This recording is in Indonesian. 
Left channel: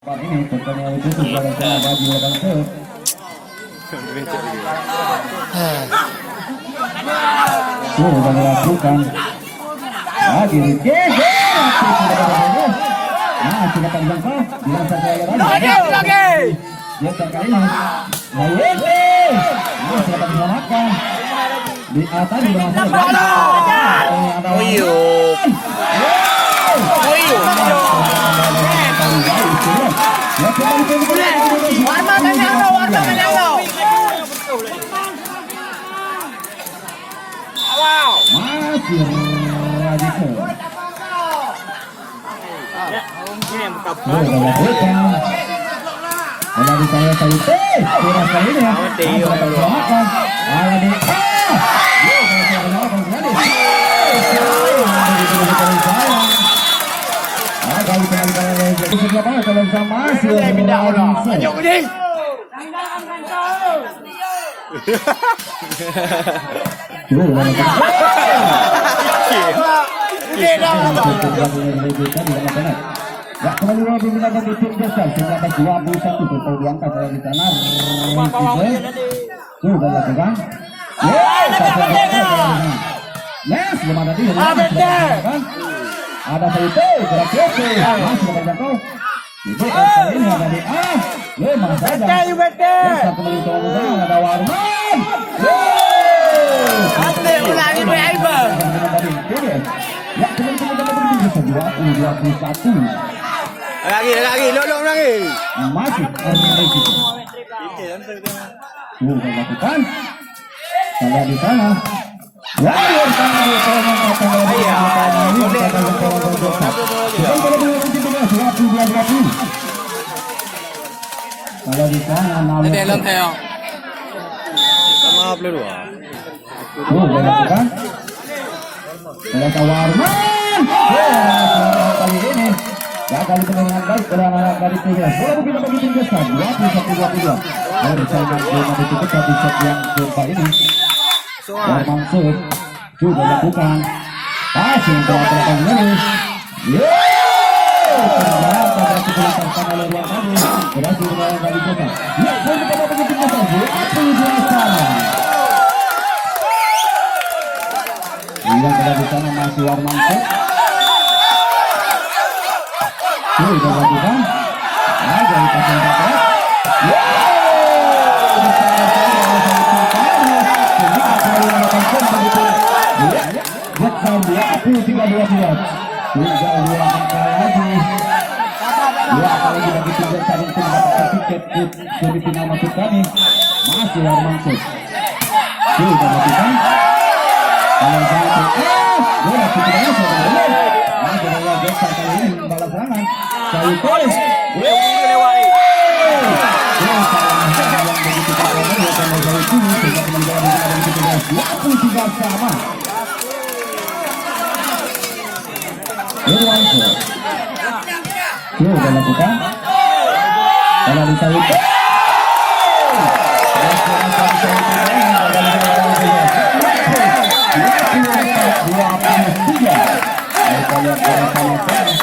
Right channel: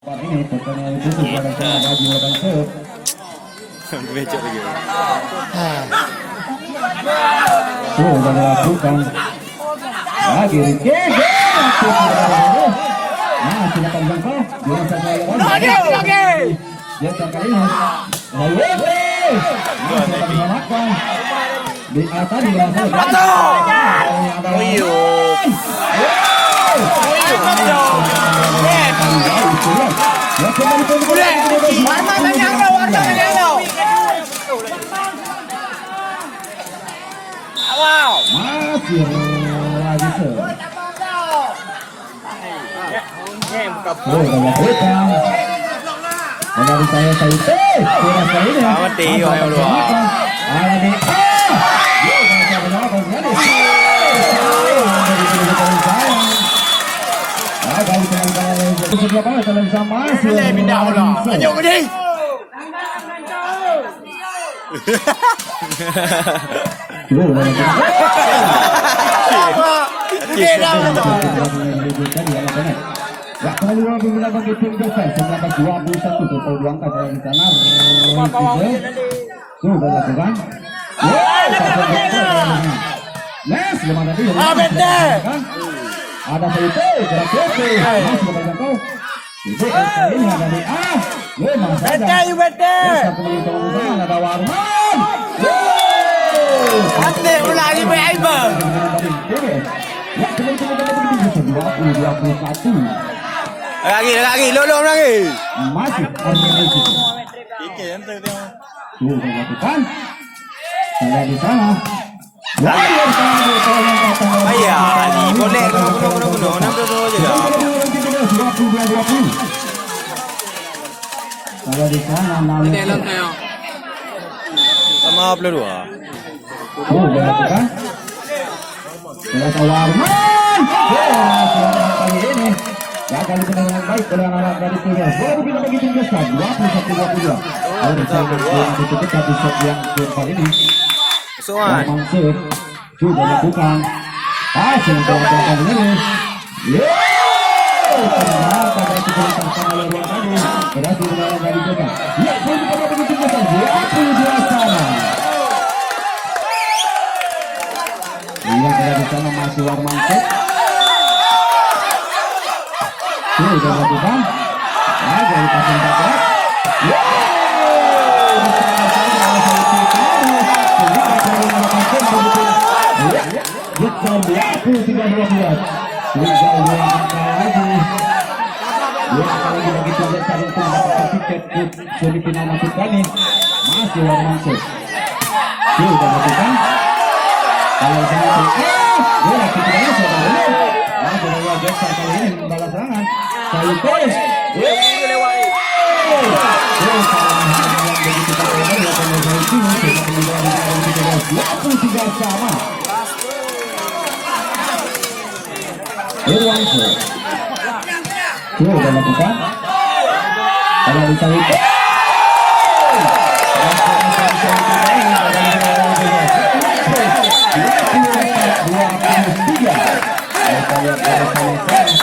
Ini pertandingan itu sudah bagi lawan set. Tuh udah dilakukan. Lagi Ricek. Nah, silakan jangkau. Bilang saja lagi. Dia kali ini. Nah, silakan diselamatkan. Di atas di belakang. Ada masih lagi ke dari saya kurang kali ini ya. Ada di kali penangkalan sebelah mana kalau sama masih ya kembali lagi kita bagi tim besar 1921 total diangkat dari sana sudah lakukan les gimana dia ada Saito gerak oke masih dapat jangkau itu kali ini ada di A mana saja satu lagi teman-teman ada Warman oke ulangi Aibo ya teman-teman dapat begitu 20-21 lagi lolong lagi masih Armenia itu sudah lakukan saya di sana ya kalau di sana sama peluru udah lakukan Warman kali ini gagal dengan baik oleh anak-anak dari Tiga. Baru kita bagi tim besar 21-22 dari saingan zona ditutup di set yang keempat ini. Warman Sud sudah lakukan passing ke belakang ini. Ternyata dari kesulitan sama lewat tadi berhasil melawan dari Jota. Ya, baru kita bagi tim besar 22 sekarang. Yang ada di sana masih Warman Sud. Sudah lakukan. Ada di pasang pakai. Tinggal 2 angka lagi. 2 angka lagi bagi tim besar untuk mendapatkan tiket ke semifinal masuk kami. Masih Warman Sud. Sudah lakukan. Kalau satu bola tidak sudah benar. Ada bola besar kali ini membalas serangan. Saito. Yang begitu populer ya kalau dari sini sehingga penjualan dari kita 23 sama. Irwanto. Sudah lakukan. Kalau di Saito. Kita lihat bersama-sama